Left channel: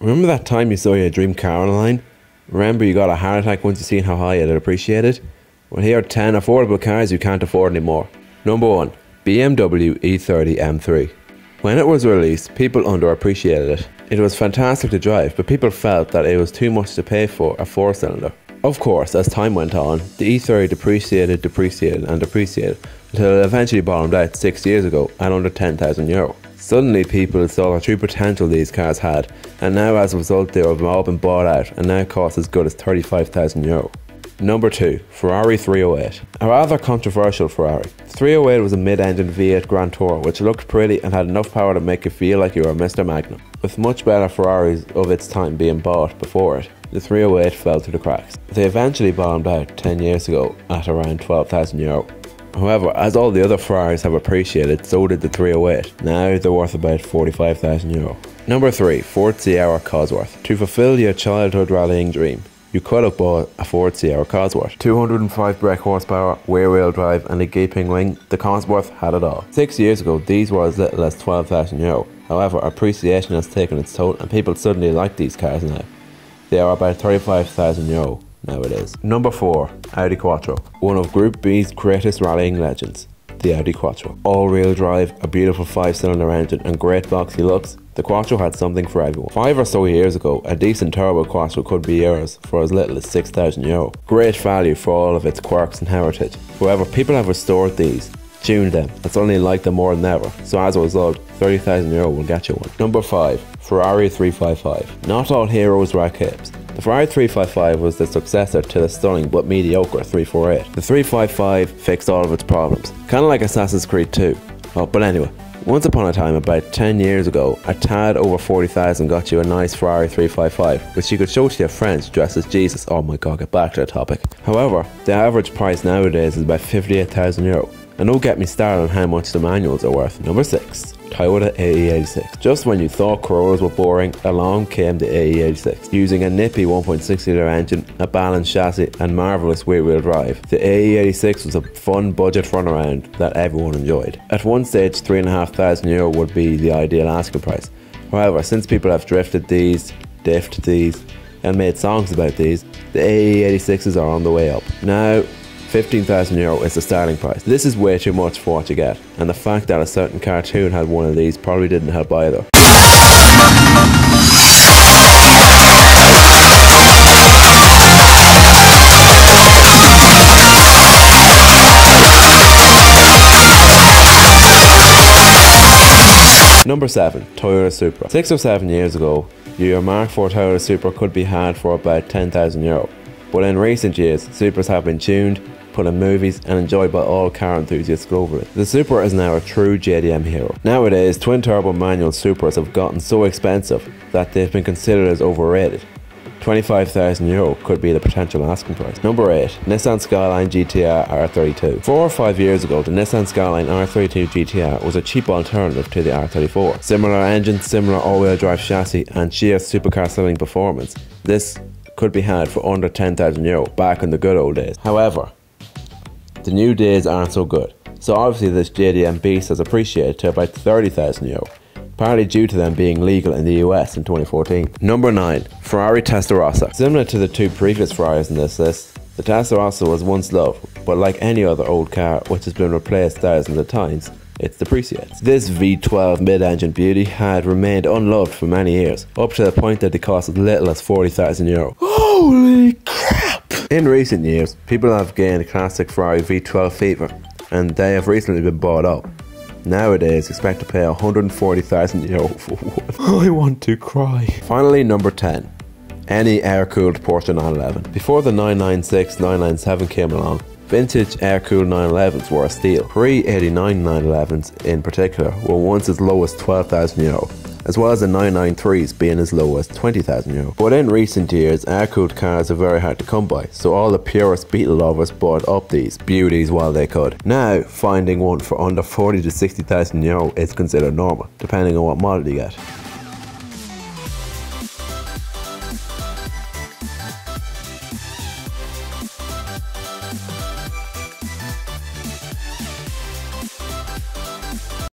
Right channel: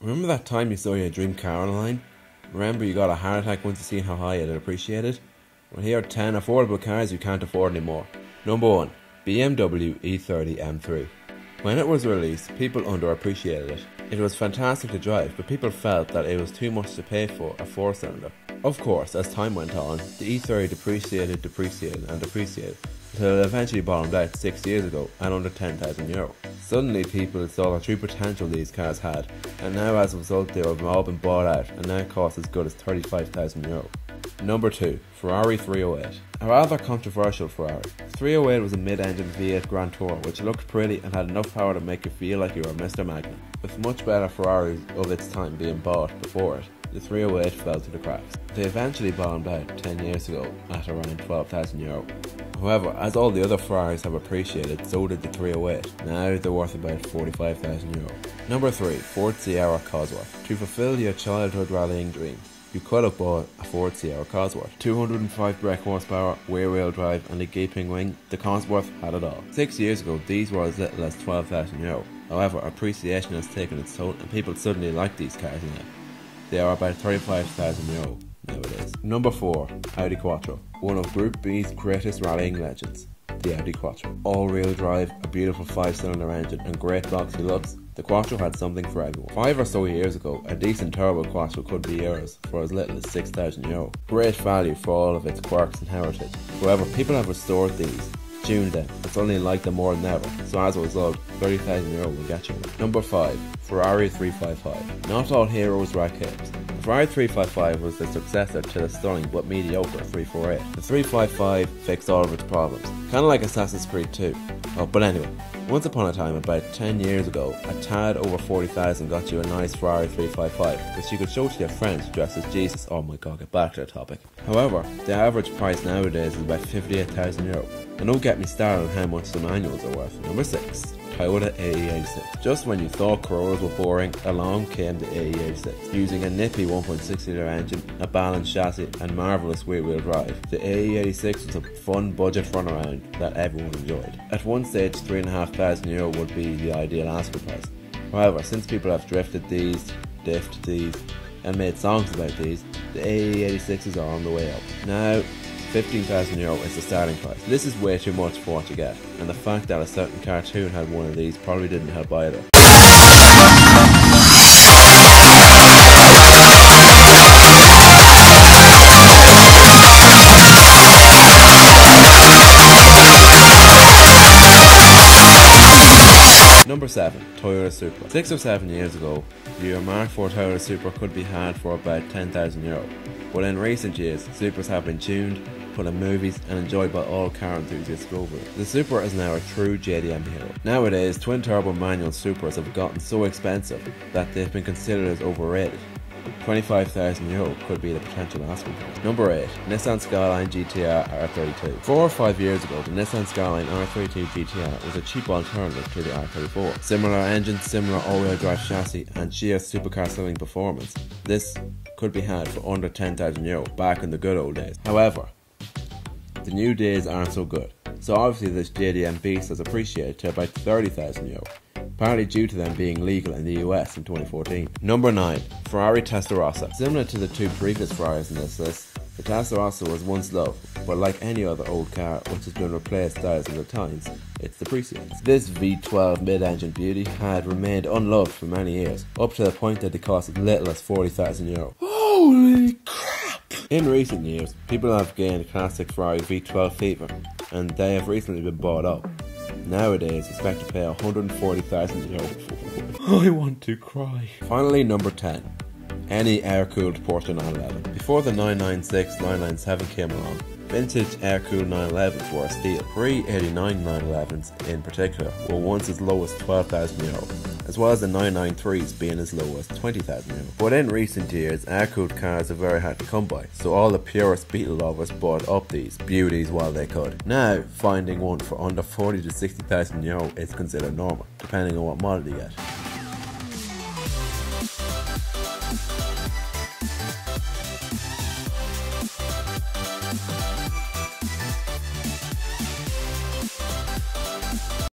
Remember that time you saw your dream car online? Remember you got a heart attack once you seen how high it had appreciated? Well, here are 10 affordable cars you can't afford anymore. Number 1. BMW E30 M3. When it was released, people underappreciated it. It was fantastic to drive, but people felt that it was too much to pay for a 4-cylinder. Of course, as time went on, the E30 depreciated until it eventually bottomed out 6 years ago at under €10,000. Suddenly people saw the true potential these cars had, and now as a result they have all been bought out and now cost as good as €35,000. Number 2. Ferrari 308. A rather controversial Ferrari. 308 was a mid-engine V8 Grand Tour which looked pretty and had enough power to make you feel like you were Mr. Magnum. With much better Ferraris of its time being bought before it, the 308 fell through the cracks. They eventually bottomed out 10 years ago at around €12,000. However, as all the other Ferraris have appreciated, so did the 308. Now they're worth about €45,000. Number 3. Ford Sierra Cosworth. To fulfill your childhood rallying dream, you could have bought a Ford Sierra Cosworth. 205 brake horsepower, rear-wheel drive and a gaping wing, the Cosworth had it all. 6 years ago these were as little as €12,000. However, appreciation has taken its toll and people suddenly like these cars now. They are about €35,000 nowadays. Number 4. Audi Quattro. One of Group B's greatest rallying legends, the Audi Quattro. All-wheel drive, a beautiful 5-cylinder engine and great boxy looks, the Quattro had something for everyone. 5 or so years ago, a decent turbo Quattro could be yours for as little as €6,000. Great value for all of its quirks and heritage. However, people have restored these, tuned them, and suddenly like them more than ever, so as a result, €30,000 will get you one. Number 5. Ferrari 355. Not all heroes wear capes. The Ferrari 355 was the successor to the stunning but mediocre 348. The 355 fixed all of its problems, kinda like Assassin's Creed 2. Oh, but anyway, once upon a time, about 10 years ago, a tad over 40,000 got you a nice Ferrari 355, which you could show to your friends dressed as Jesus. Oh my god, get back to the topic. However, the average price nowadays is about €58,000. And don't get me started on how much the manuals are worth. Number 6. Toyota AE86. Just when you thought Corollas were boring, along came the AE86. Using a nippy 1.6 litre engine, a balanced chassis and marvellous rear-wheel drive, the AE86 was a fun budget runaround that everyone enjoyed. At one stage, €3,500 would be the ideal asking price. However, since people have drifted these, diffed these, and made songs about these, the AE86s are on the way up. Now, €15,000 is the starting price. This is way too much for what you get, and the fact that a certain cartoon had one of these probably didn't help either. Number 7. Toyota Supra. 6 or 7 years ago, your Mark IV Toyota Supra could be had for about €10,000. But in recent years, Supras have been tuned, put in movies and enjoyed by all car enthusiasts globally. The Supra is now a true JDM hero. Nowadays, twin-turbo manual Supras have gotten so expensive that they've been considered as overrated. €25,000 could be the potential asking price. Number 8. Nissan Skyline GTR R32. 4 or 5 years ago, the Nissan Skyline R32 GTR was a cheap alternative to the R34. Similar engine, similar all-wheel drive chassis and sheer supercar selling performance. This could be had for under €10,000 back in the good old days. However, the new days aren't so good, so obviously this JDM beast has appreciated to about €30,000, partly due to them being legal in the US in 2014. Number 9. Ferrari Testarossa. Similar to the 2 previous Ferraris in this list, the Testarossa was once loved, but like any other old car which has been replaced thousands of times, it depreciates. This V12 mid-engine beauty had remained unloved for many years, up to the point that they cost as little as €40,000. Holy crap! In recent years, people have gained classic Ferrari V12 fever, and they have recently been bought up. Nowadays, expect to pay €140,000 for one. I want to cry. Finally, number 10. Any Air Cooled Porsche 911. Before the 996, 997 came along, vintage Air Cooled 911s were a steal. Pre-89 911s in particular were once as low as €12,000, as well as the 993s being as low as €20,000. But in recent years, Air Cooled cars are very hard to come by, so all the purest Beetle lovers bought up these beauties while they could. Now, finding one for under €40,000 to €60,000 is considered normal, depending on what model you get.